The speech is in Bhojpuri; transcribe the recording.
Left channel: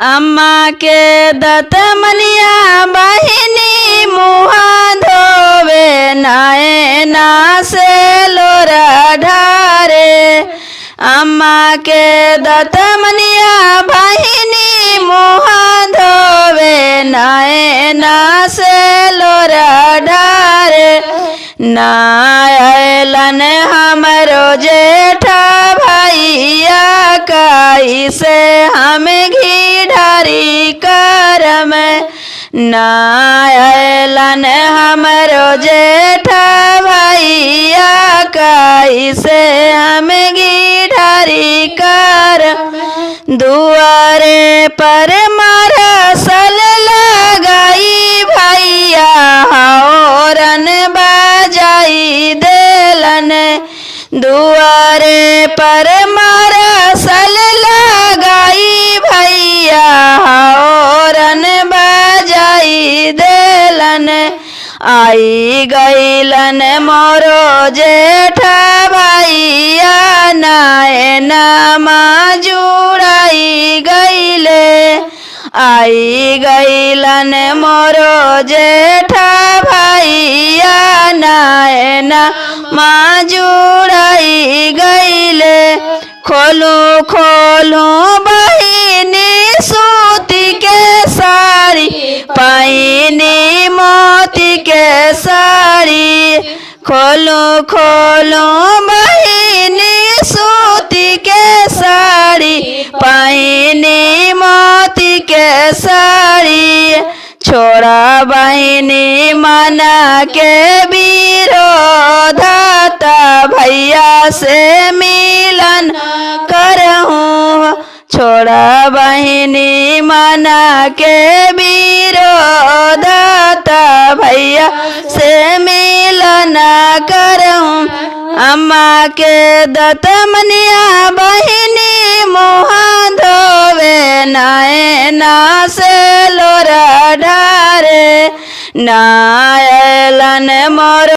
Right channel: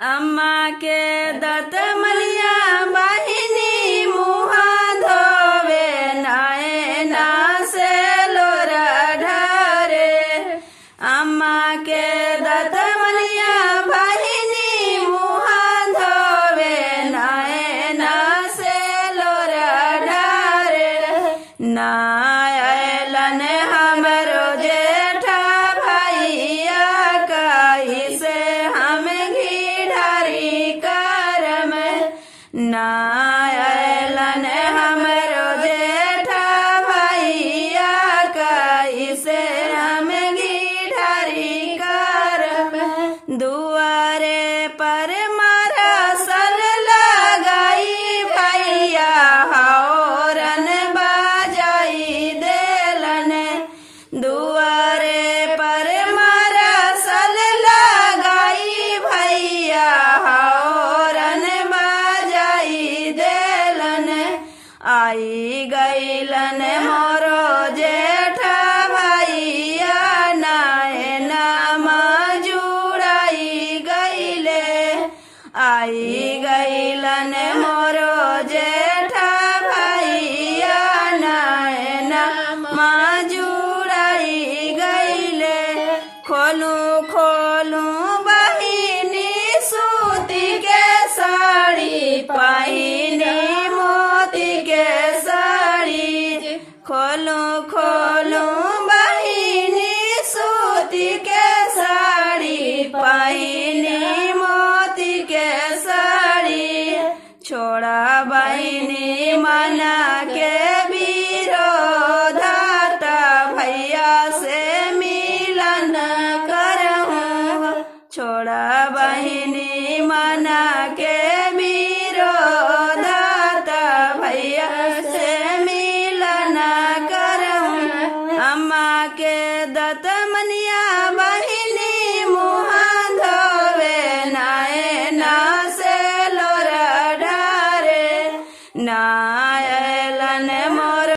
अम्मा के दतमनिया बहिनी मुहा धोवे नैना से लोरा ढारे। अम्मा के दतमनिया बहिनी मुहा धोवे नैना से लोरा ढारे। नायलन हमरो जेठा भैया कैसे हम घी ढारी करम। नायलन हमरो जेठा भैया कैसे हम घी ढारी करम। दुआरे पर मरसल लगाई भैया हौरन बजाई देलन। दुआरे पर मरसल लगाई भैया हौरन बजाई देलन। आई गईलन मोरो जेठा भैया नैना जुड़ाई गईले। आई गईलन मोरो जेठा भैया नैना जुड़ाई गईले। खोलू खोलू बहिनी सूती के साड़ी पाइनी मोती के साड़ी। खोलू खोलू बहिनी सूती के साड़ी पाइनी मोती के साड़ी। छोड़ा बहिनी मना के विरोधाता भैया से मिलन करहूँ। छोड़ा बहिनी मना के विरोधाता भैया से मिलन करहूँ। अम्मा के दतमनिया बहिनी मुहा धोवे नैना से लोरा ढारे। नायलन मोर